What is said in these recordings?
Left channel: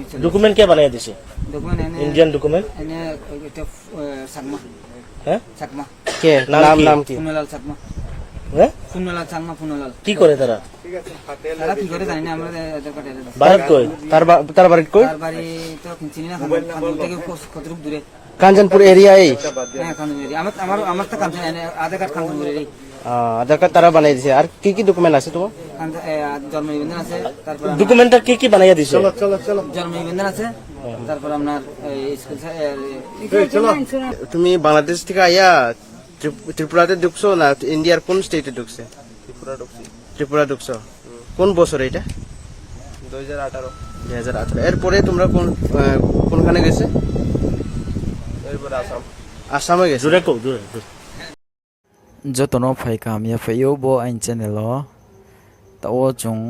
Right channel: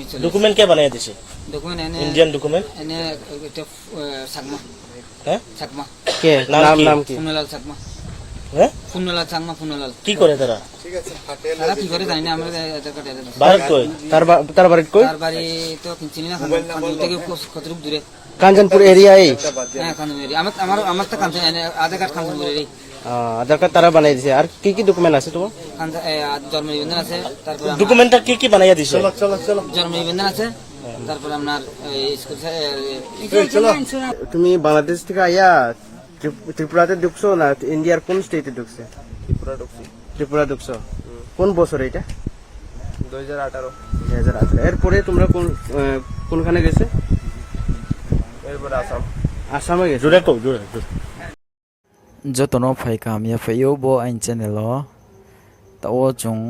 আমি চলে ডকুমেন্ট কে বানিয়ে দিছে? ডকুমেন্ট এনে ইন্ডিয়ান ডকুমেন্ট। এনে এটা চাকমা হ্যাঁ চাকমা কে নাম নাম কি? পুনলাল চাকমা হ্যাঁ পুনলাল চাকমা পুনলাল কি করে তারা? তারা কি করে জানি না আমরা আধার কার্ড ভারত কই? তার বাড়ি কই? তার বাড়ি তো চিনি না খানপুর থেকে কতটুকু দূরে কাঞ্চনপুর এরিয়ায়। হ্যাঁ খানপুর আমার আমার আমার তো কাঞ্চন আধার কার্ড খানপুরের আধার কার্ড তারা বানাই দিছে। আর কি কি ডকুমেন্ট আছে তোমার? জন্ম নিবন্ধন আছে, তারপর ডকুমেন্টটা কি বানিয়ে দিছে? জন্ম নিবন্ধন আছে, তারপর আপনার স্কুল তুমি বাংলাদেশ থেকে আইয়া ত্রিপুরাতে ঢুকছো না ইন্ডিয়ার কোন স্টেটে ঢুকছে? ত্রিপুরা ঢুকছো। কোন বছর এটা? 2018। এরপরে তোমরা কোনখানে গেছে? এরপরে আসামে গেছে। জুড়ে কো জুড়ে jotono phai kamya phayo bo ain channel lo tawo chung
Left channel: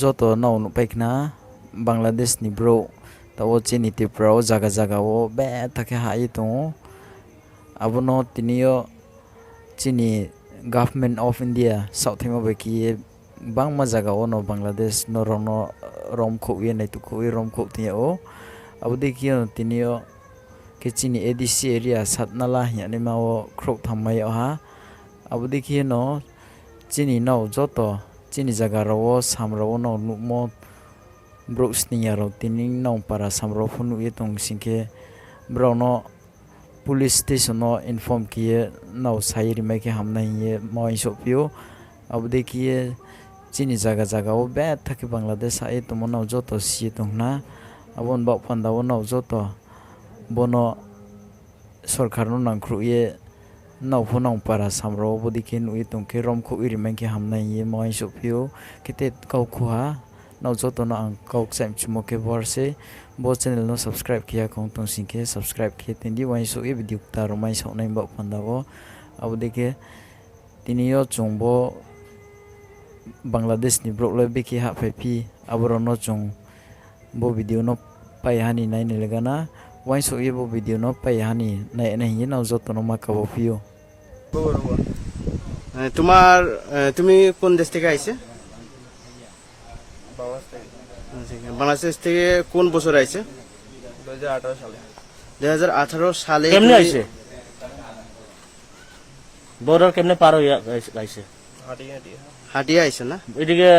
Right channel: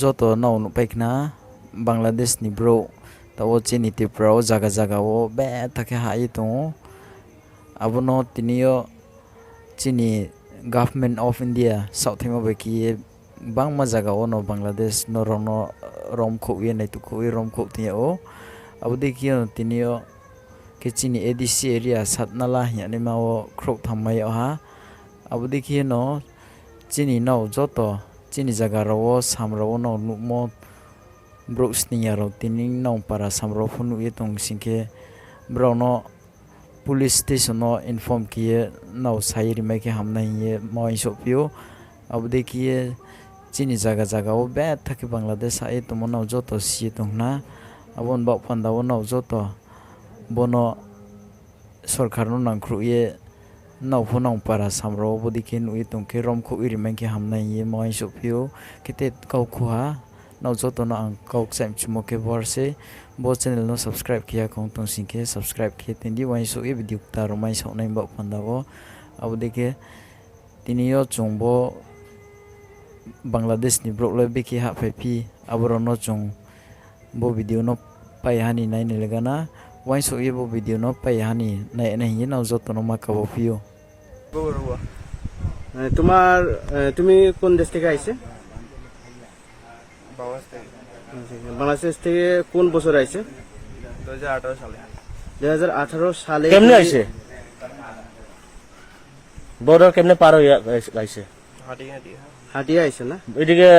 joto no nu paikna bangladesh ni bro tawo chini ti pro jaga jaga o be take hai to abono tinio chini government of india south hima be ki bangma jaga o no bangladesh no rono rom kho ye nai tu kho rom kho ti o abodi ki tinio Kecini ADC area satnala yani mau krok thamai ha abudi khi no chini no joto chini jaga ro samro no numo brooks ni ro tining no para samro phunu ye tong singke bro no police station no inform kiye no sairi mai ke hamnai ye moi sopio abudi khi chini jaga jaga o be thaki bangladesh ai tomono joto si tongna abon ba panda no joto bono सरकार no नांख्रु ये नावफो नाव पारा सामरो बदिके नुइ तंके रमखो इरिमेंके हामनाय ये मय सफियो केते काउखुहा नाव जतनो आं काउक साइम चुमके बरसे बो channel no subscribe किया कौन तंसिके सब्सक्राइब किए तिंदी वाइ सो ए भिडियो ता रमाय सावनाय बा फंदाबो अबदिके तिनियो चुंबो बांग्लादेश नि ब्रॉकले बेके हा फाइपि अबरनो चुं बो भिडियो नो पायहानि नायने लगाना Why so ebo video no payhani na nahi na joto no makabo pio তোমার তুমি কোন দেশ থেকে আইছে? বাংলাদেশ থেকে কোন বছর আইছে? 2018 সালে। 2018 সালে কেমনে আইছে? বর্ডার কেমনে পার হইয়া আইছে? হাটিয়া আইছে না? এদিকে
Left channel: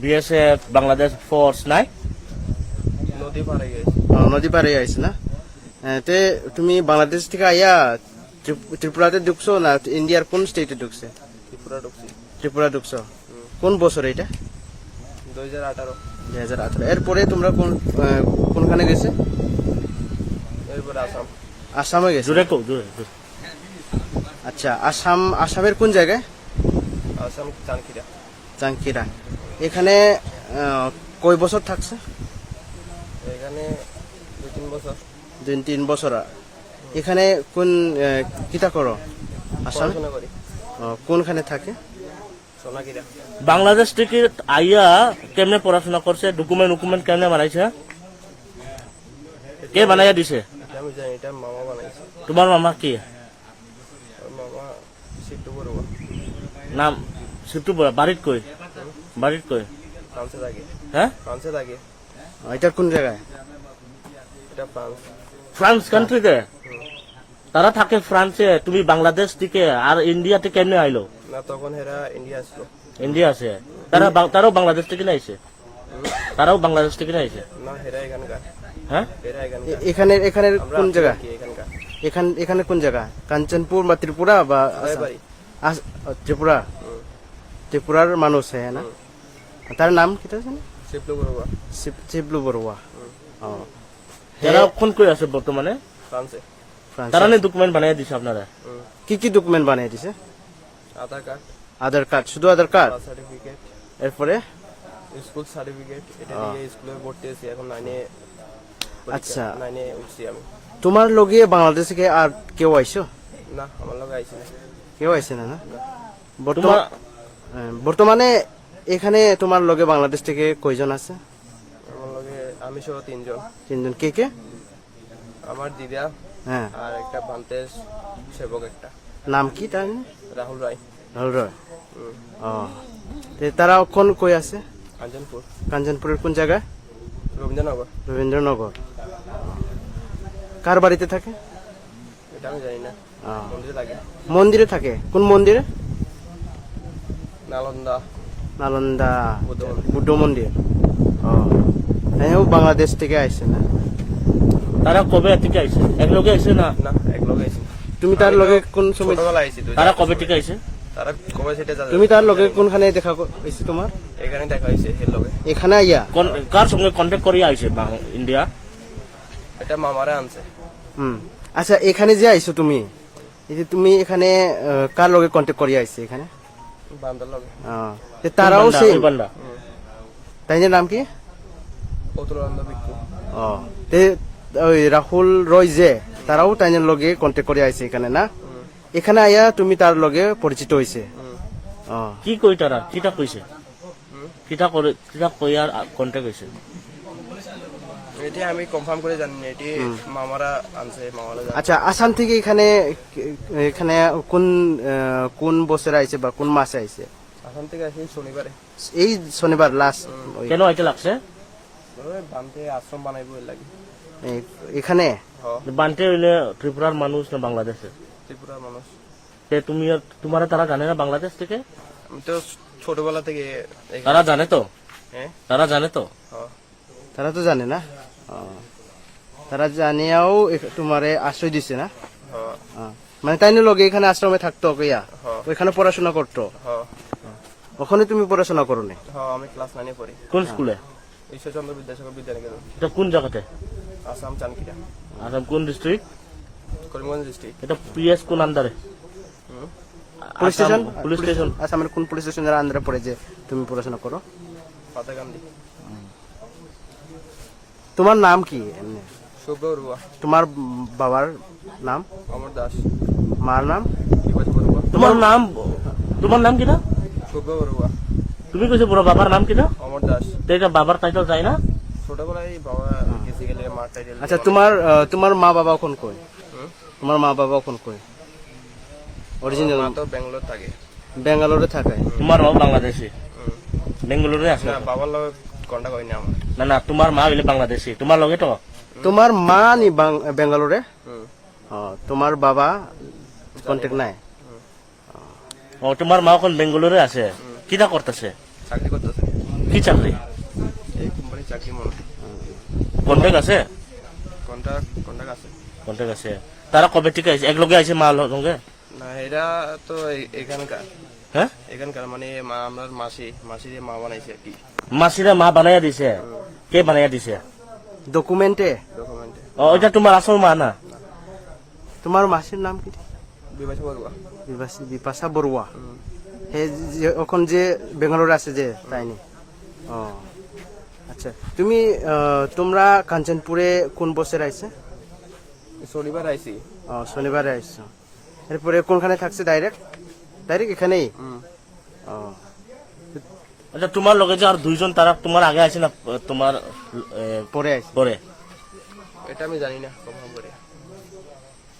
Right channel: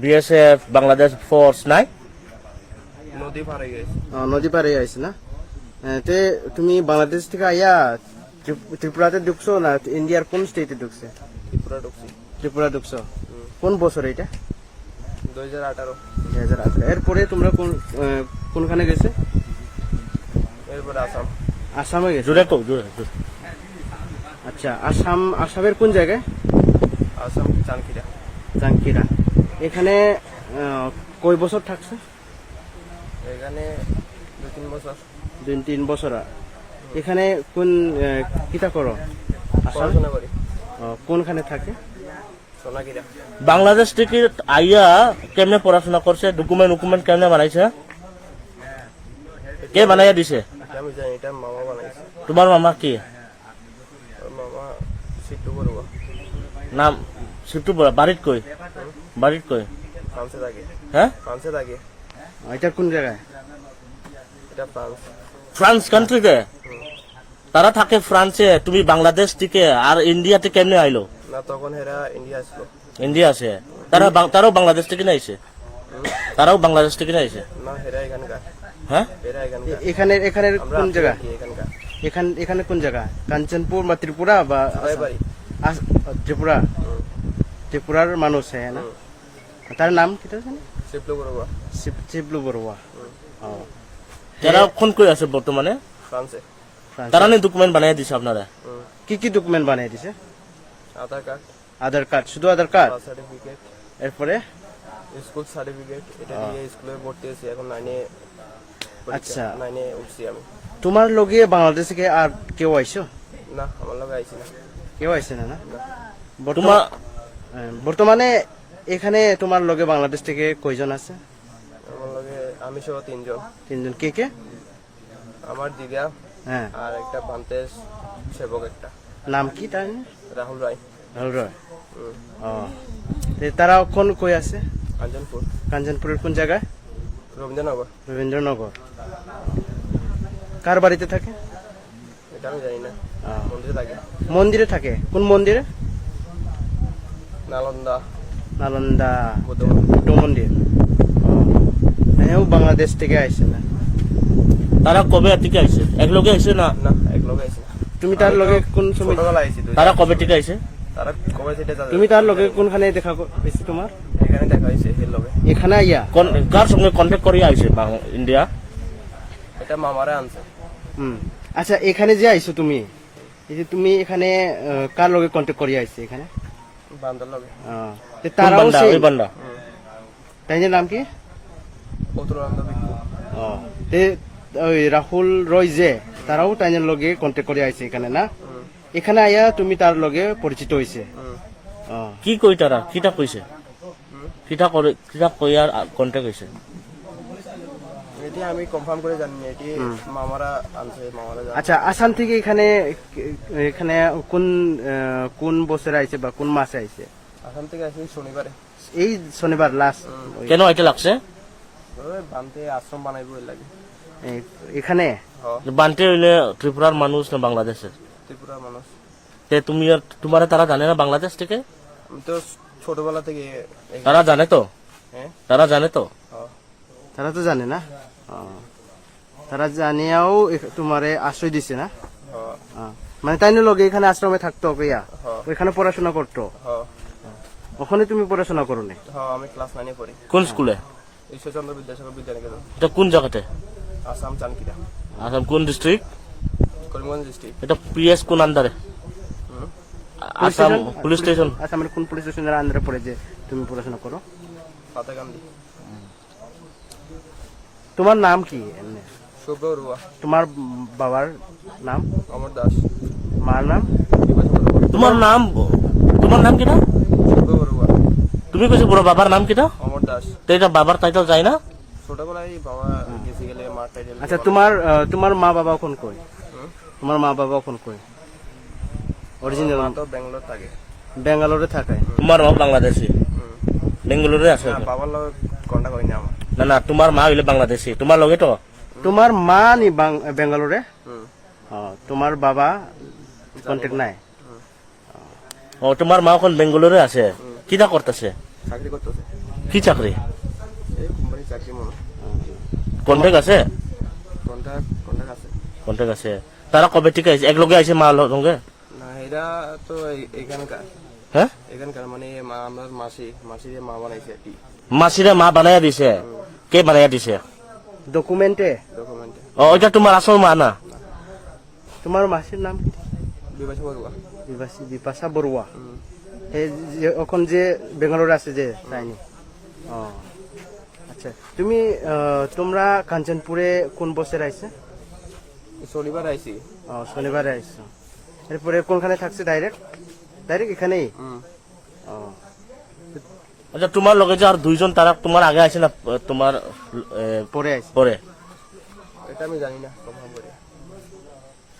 বিএসএফ বাংলাদেশ ফোর্স নাই? নদী পারে আইছে না? তে তুমি বাংলাদেশ থেকে আইয়া ত্রিপুরাতে ঢুকছো না ইন্ডিয়ার কোন স্টেটে ঢুকছে? ত্রিপুরা ঢুকছো। কোন বছর এটা? 2018। এরপরে তোমরা কোনখানে গেছে? এরপরে আসামে গেছে। জুড়ে কো জুড়ে আচ্ছা আসামের কোন জায়গায়? আসাম চাংকিরা। এখানে কয় বছর থাকছে? এখানে 2-3 বছর। এখানে কোন কিতা করো? আসাম কোনখানে থাকে? সোনাকিরা। বাংলাদেশ থেকে আইয়া কেমনে পড়াশোনা করছে? ডকুমেন্ট কেমনে বানাইছে? কে বানাইয়া দিছে? আমি জানি, এটা মামা বানাইছে। তোমার মামা কি? মামা সিট্টু বড়ুয়া। নাম সিট্টু বড়ুয়া। বাড়িত কই? ফ্রান্সে থাকে। হ্যাঁ ফ্রান্সে থাকে। এটা কোন জায়গায়? এটা ফ্রান্স কান্ট্রিতে তারা থাকে ফ্রান্সে। তুমি বাংলাদেশ থেকে আর ইন্ডিয়াতে কেমনে আইলো? না তখন হেরা ইন্ডিয়া আসলো। ইন্ডিয়া আছে। তারাও বাংলাদেশ থেকে আইছে? তারাও বাংলাদেশ থেকে আইছে না, হেরা এখানকার। হ্যাঁ হেরা এখানকার। এখানে কোন জায়গা? এখানকার। এখানে কোন জায়গা? কাঞ্চনপুর বা ত্রিপুরা বা ত্রিপুরা? ত্রিপুরার মানুষ হ্যাঁ না? তার নাম কি? শিবলু বড়ুয়া। যারা ফোন করে আছে বর্তমানে ফ্রান্সে। তারা ডকুমেন্ট বানিয়ে দিছে আপনারা? কি ডকুমেন্ট বানিয়ে দিছে? আধার কার্ড। শুধু আধার কার্ড? সার্টিফিকেট। এরপরে স্কুল সার্টিফিকেট। এটা দিয়ে স্কুলে ভর্তি হয়েছি। এখন 9 আচ্ছা 9 উঠছি আমি। তোমার লগে বাংলাদেশ থেকে আর কেউ আইছো? না, আমার লগে আইছি না। কেউ আইছে না? বর্তমানে এখানে তোমার লগে বাংলাদেশ থেকে কয়জন আছে? আমার লগে আমি সহ 3 জন। কে কে? আমার দিদা, হ্যাঁ, আর একটা বান্তেশ সেবক একটা। নাম কি তার? রাহুল রায়। তারা কোন কই আছে? কাঞ্চনপুর। কাঞ্চনপুরের কোন জায়গায়? রবীন্দ্রনগর। রবীন্দ্রনগর। কার বাড়িতে থাকে? এটা আমি জানি না। মন্দিরে থাকে। মন্দিরে থাকে। কোন মন্দিরে? নালন্দা নালন্দা বৌদ্ধ মন্দির। বুদ্ধ মন্দির। হ্যাঁ, ও বাংলাদেশ থেকে আসছে না? তারা কবে থেকে আইছে? একলগে আইছে না? না, এক লগে আইছি না। তুমি তার লগে কোন সময়? ছোটবেলা আইছি। তারা কবে থেকে আইছে? তারা কবে সেটা জানি না। তুমি তার লগে কোনখানে দেখা হয়েছে তোমার? এখানে দেখা হয়েছে এর লগে। এখানে আইয়া? কার সঙ্গে কন্ট্যাক্ট করে আইছে ইন্ডিয়া? এটা মামারে আনছে। আচ্ছা, এখানে যে আইছো তুমি, এই যে তুমি এখানে কার লগে কন্ট্যাক্ট করিয়া আইছে এখানে? বান্দার লগে। তে তারাও সেই বান্দা। তাই নাম কি? অতুলানন্দ ভিক্ষু। তে ওই রাহুল রয় যে, তারাও তাইনের লগে কন্ট্যাক্ট করে আইছে এখানে না? এখানে আইয়া তুমি তার লগে পরিচিত হইছে। কি কই তারা? কিটা কইছে? কিটা করে, কিটা কইয়ার কন্ট্যাক্ট হইছে? এটি আমি কনফার্ম করে জানি না। এটি মামারা আনছে, মামারা জানে। আচ্ছা, আসাম থেকে এখানে এখানে কোন বছরে আইছে বা কোন মাসে আইছে? আসাম থেকে আসি শনিবারে। এই শনিবার লাস্ট। কেন এটা লাগছে? বানতে আশ্রম বানাইবো এর লাগে। এখানে বানতে হইলে ত্রিপুরার মানুষ না বাংলাদেশের? ত্রিপুরার মানুষ। তে তুমি তোমারে তারা জানে না বাংলাদেশ থেকে? আমি তো ছোটবেলা থেকে তারা জানে তো? হ্যাঁ। তারা জানে তো? তারা তো জানে না? তারা জানিয়াও তোমারে আশ্রয় দিছে না? মানে তাই লগে এখানে আশ্রমে থাকতো কইয়া ওইখানে পড়াশোনা করতো? ওখানে তুমি পড়াশোনা করো না? আমি ক্লাস 9 এ পড়ি। কোন স্কুলে? ঈশ্বরচন্দ্র বিদ্যাসাগর বিদ্যানিকেতন। এটা কোন জায়গাতে? আসাম চানকিরা। আসাম কোন ডিস্ট্রিক্ট? করিমগঞ্জ ডিস্ট্রিক্ট। এটা পিএস কোন আন্ডারে? Police station? Police station. আসামের কোন পুলিশ স্টেশনের আন্ডারে পড়ে যে তুমি পড়াশোনা করো? পাতাকান্দি। তোমার নাম কি এমনি? শুভ্র বড়ুয়া। তোমার বাবার নাম? অমর দাস। মার নাম? বিভাস বড়ুয়া। তোমার নাম কিটা? শুভ্র বড়ুয়া। তুমি কইছো বড় বাবার নাম কিটা? অমর দাস। তো এটা বাবার টাইটেল যায় না? ছোটবেলায় বাবা গেছে গেলে মার টাইটেল। আচ্ছা, তোমার মা বাবা কোন কই? তোমার মা বাবা কোন কই? অরিজিনাল মা তো ব্যাঙ্গালোর থাকে। বেঙ্গালোরে থাকে? তোমার বাংলাদেশি? বেঙ্গালুরুরে আছে? না, বাবার লগে কন্টাক্ট হয়নি আমার। না তোমার মা হইলে বাংলাদেশি, তোমার লগে তো? তোমার মা নি বেঙ্গালোরে? তোমার বাবা কন্ট্যাক্ট নাই? ও, তোমার মা এখন বেঙ্গালুরুরে আছে। কিটা করতেছে? চাকরি করতেছে। কি চাকরি? এই কোম্পানির চাকরি মনে। কন্ট্রাক্ট আছে? কন্টাক্ট আছে। কন্ট্রাক্ট আছে। তারা কবে থেকে আইছে? এক লগে আইছে মা লগে? না, এটা তো এখানকার। হ্যাঁ, এখানকার মানে আমার মাসিরে মা বানাইছে আর কি। মাসিরে মা বানাইয়া দিছে? কে বানাইয়া দিছে? ডকুমেন্টে? ডকুমেন্টে। ওইটা তোমার আসল মা না? তোমার মাসির নাম কি? বিভাস বড়ুয়া। বিপাশা বড়ুয়া। এখন যে বেঙ্গালোরে আছে যে, তাই নি? আচ্ছা, তোমরা কাঞ্চনপুরে কোন বছর আইছে? শনিবার আইছি। শনিবারে আইছো। এরপরে কোনখানে থাকছে? ডাইরেক্ট এখানেই? আচ্ছা, তোমার লগে যে আর দুইজন তারা তোমার আগে আছে না তোমার পরে আইছে? পরে? এটা আমি জানি না কনফার্ম করে।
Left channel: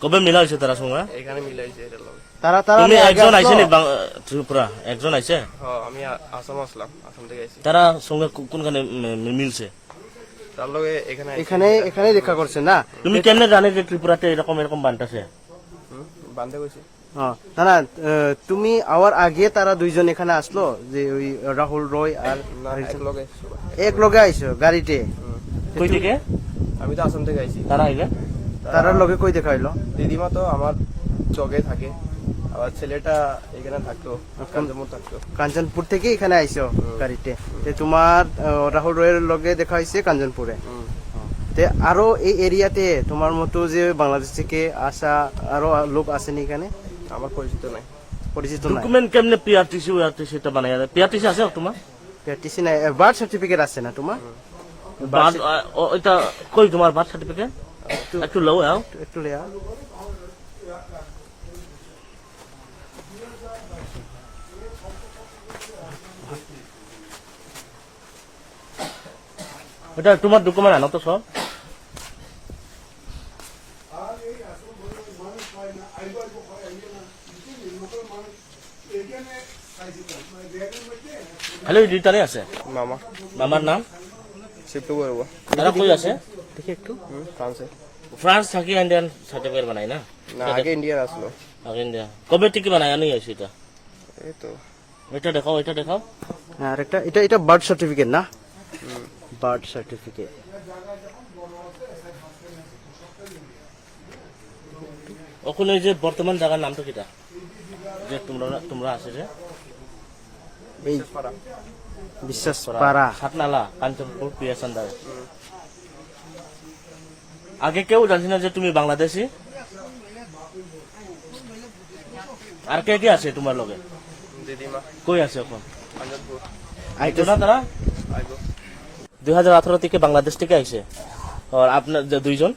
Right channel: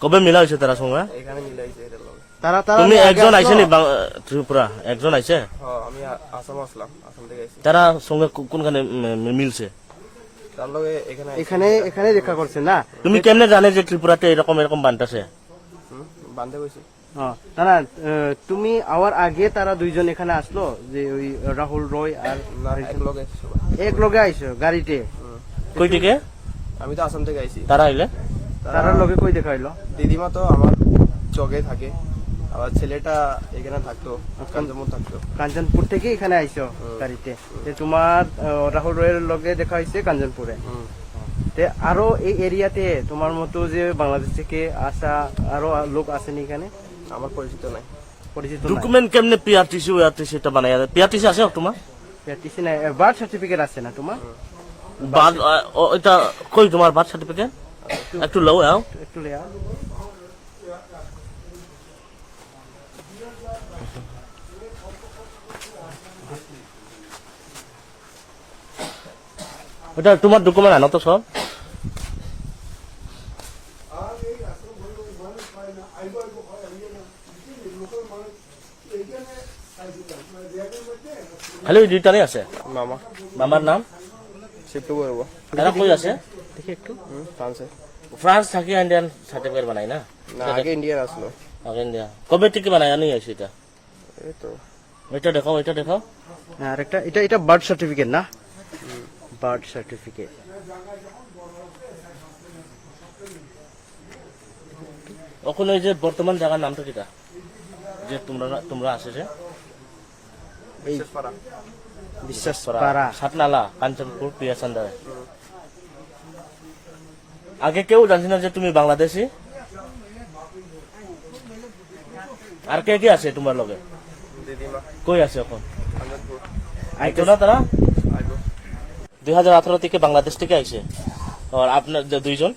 কবে মিলা হয়েছে তারা সঙ্গে? এখানে মিলাইছে এটার লগে। তারা তুমি আগে একজন আসলো? আইছে ত্রিপুরা? একজন আইছে? আমি আসাম আসলাম। আসাম থেকে আইছি। তারা সঙ্গে কোনখানে মিলছে? তার লগে এখানে দেখা করছে না? তুমি কেমনে জানে যে ত্রিপুরাতে এরকম বানটাছে? বান্ধে গেছি। না, তুমি আওয়ার আগে তারা দুইজন এখানে আসলো, যে ওই রাহুল রয় আর না, এক লগে সবাই। এক লগে আইছো গাড়িতে? কই থেকে? আমি তো আসাম থেকে আইছি। তারা আইলে? তারা লগে কই দেখা হইলো? দিদিমা তো আমার চকে থাকে। আবার ছেলেটা এখানে থাকতো, কাঞ্চনপুর থাকতো। কাঞ্চনপুর থেকে এখানে আইছো গাড়িতে? তোমার রাহুল রয়ের লগে দেখা হয়েছে কাঞ্চনপুরে? আরো এই এরিয়াতে তোমার মতো যে বাংলাদেশ থেকে আসা আরো লোক আসেনি এখানে? আমার পরিচিত নাই। পরিচিত নাই? ডকুমেন্ট কেমনে পিআরটিসি টা বানায়? পিআরটিসি আছে তোমার? পিআরটিসি নাই? বার্থ সার্টিফিকেট আছে না তোমার? এটা কই তোমার বার্থ সার্টিফিকেট? একটু লও আও। একটু লেয়া। এটা তোমার ডকুমেন্ট আনো তো সব। খালি দুইটারই আছে? মামা। মামার নাম? শিফট করবো তারা কই আছে ফ্রান্সে। ফ্রান্স থাকি ইন্ডিয়ান সার্টিফিকেট বানাই না না আগে ইন্ডিয়ান আসলো। আগে ইন্ডিয়া কবে থেকে বানাই আনি আছে এটা এই তো এটা দেখাও এটা দেখাও আর একটা এটা বার্থ সার্টিফিকেট না, বার্থ সার্টিফিকেট। ওখানে যে বর্তমান জায়গার নামটা কিটা যে তোমরা আছে যে পারা বিশ্বাস পারা সাতনালা কাঞ্চনপুর পিয়াসান্দার। আগে কেউ জানছি না যে তুমি বাংলাদেশি? আর কে কে আছে তোমার লগে? দিদিমা কই আছে এখন? কাঞ্চনপুর আইতো না তারা? আইব 2018 থেকে বাংলাদেশ থেকে আইছে। আর আপনার যে দুইজন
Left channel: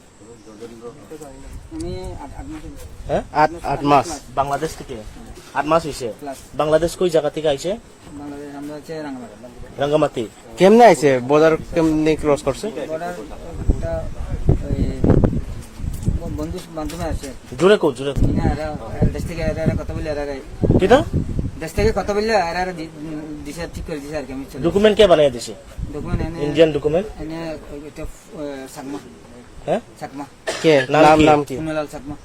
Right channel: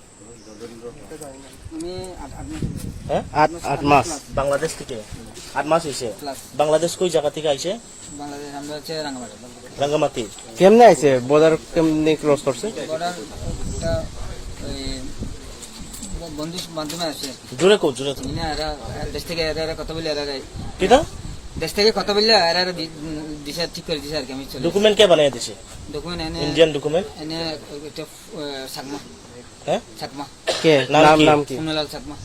আমি 8 মাস হ্যাঁ 8 মাস বাংলাদেশ থেকে 8 মাস হয়েছে। প্লাস বাংলাদেশ কই জায়গা থেকে আইছে? বাংলাদেশ আমরা হচ্ছে রাঙ্গামাটি রাঙ্গামাটি। কেমনে আইছে, বর্ডার কেমনে ক্রস করছে? বর্ডার একটা ওই বন্ধু মাধ্যমে আসে জুড়ে কো জুড়ে কো। না এরা দেশ থেকে এরা কথা বলে এরা কি দাও দেশ থেকে কথা বললে এরা দিশা ঠিক করে দিছে আর কি। আমি চলে ডকুমেন্ট কে বানিয়ে দিছে? ডকুমেন্ট এনে ইন্ডিয়ান ডকুমেন্ট এনে এটা চাকমা হ্যাঁ চাকমা কে নাম নাম কি? নাম কি? ফুনলাল চাকমা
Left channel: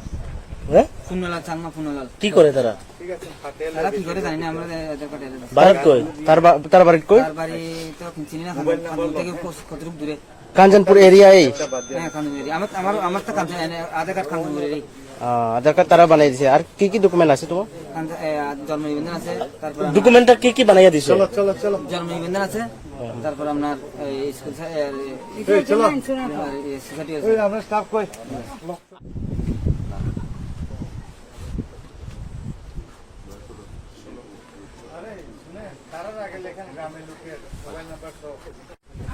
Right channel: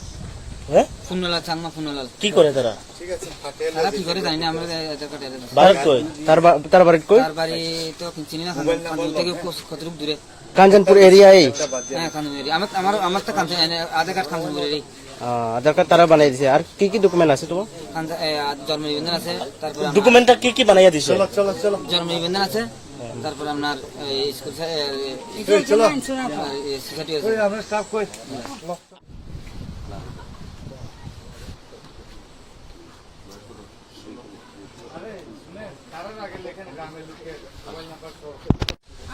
হ্যাঁ ফুনলাল চাকমা ফুনলাল কি করে তারা? তারা কি করে জানি না, আমরা আধার কার্ড এরা দিছি। ভারত কই? তার বাড়ি কই? তার বাড়ি তো চিনি না, খানপুর থেকে কতটুকু দূরে। কাঞ্চনপুর এরিয়ায়। হ্যাঁ খানপুর এরিয়া। আমার তো কাঞ্চন আধার কার্ড খানপুর এরিয়া। আধার কার্ড তারা বানাই দিছে। আর কি কি ডকুমেন্ট আছে তোমার? জন্ম নিবন্ধন আছে, তারপর ডকুমেন্টটা কি কি বানিয়ে দিছে? জন্ম নিবন্ধন আছে, তারপর আপনার স্কুল সোসাইটি আছে।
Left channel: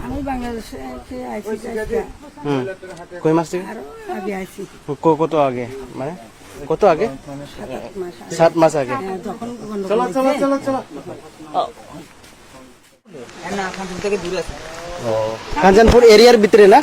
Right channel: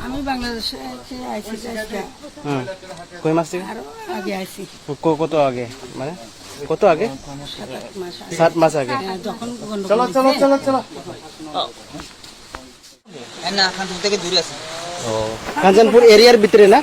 আমি বাংলাদেশে আইসি কই মাস থেকে? আরো আগে আইসি কত আগে, মানে কত আগে? 7 মাস 7 মাস আগে। যখন গন্ডগোল হয়েছে, না খানপুর থেকে দূরে আছে। কাঞ্চনপুর এরিয়ার ভিতরে না?